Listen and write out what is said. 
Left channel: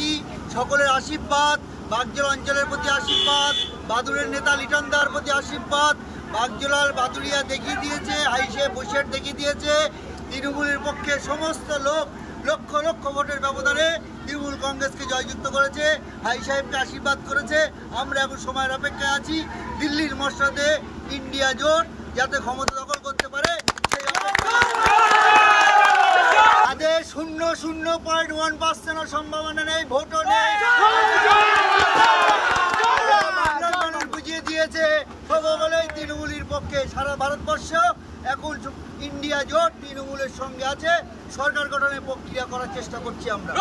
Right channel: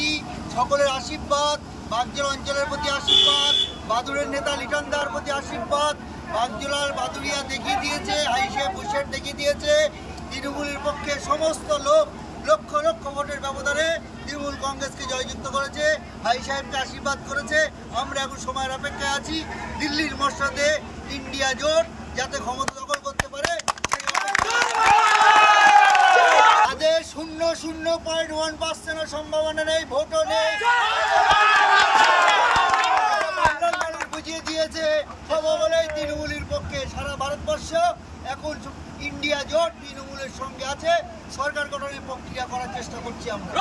প্রতি সকলের আশীর্বাদ, বাগজোলা অঞ্চলের প্রতি আশীর্বাদ, বাদুড়ের নেতা লিটনদার প্রতি আশীর্বাদ। বাগজোলার বাদুড়িয়া দেখিয়ে দিয়েছে, হাইসে বসির দেখিয়ে দিয়েছে তৃণমূলের পক্ষে সমস্ত লোক লক্ষ লক্ষ ভোটের ব্যবধানে তৃণমূল কংগ্রেসকে জয়যুক্ত করেছে, হাই সাহেবকে আশীর্বাদ করেছে। আমরা এখন সময়ের অপেক্ষায় আছি দিল্লির মসনদে ইন্ডিয়া জোট যাতে ক্ষমতা দখল করতে পারে সেই অপেক্ষা। তাদের 0.1% সম্ভাবনা নেই, ভোটও নেই। বাংলার মানুষ বুঝিয়ে দিয়েছে সবলেই তৃণমূলের পক্ষে। সারা ভারতবর্ষ এখন ইন্ডিয়া জোট তৃণমূলের সঙ্গে আছে। সরকার গঠনের প্রক্রিয়া করার চেষ্টা করছি আমরা।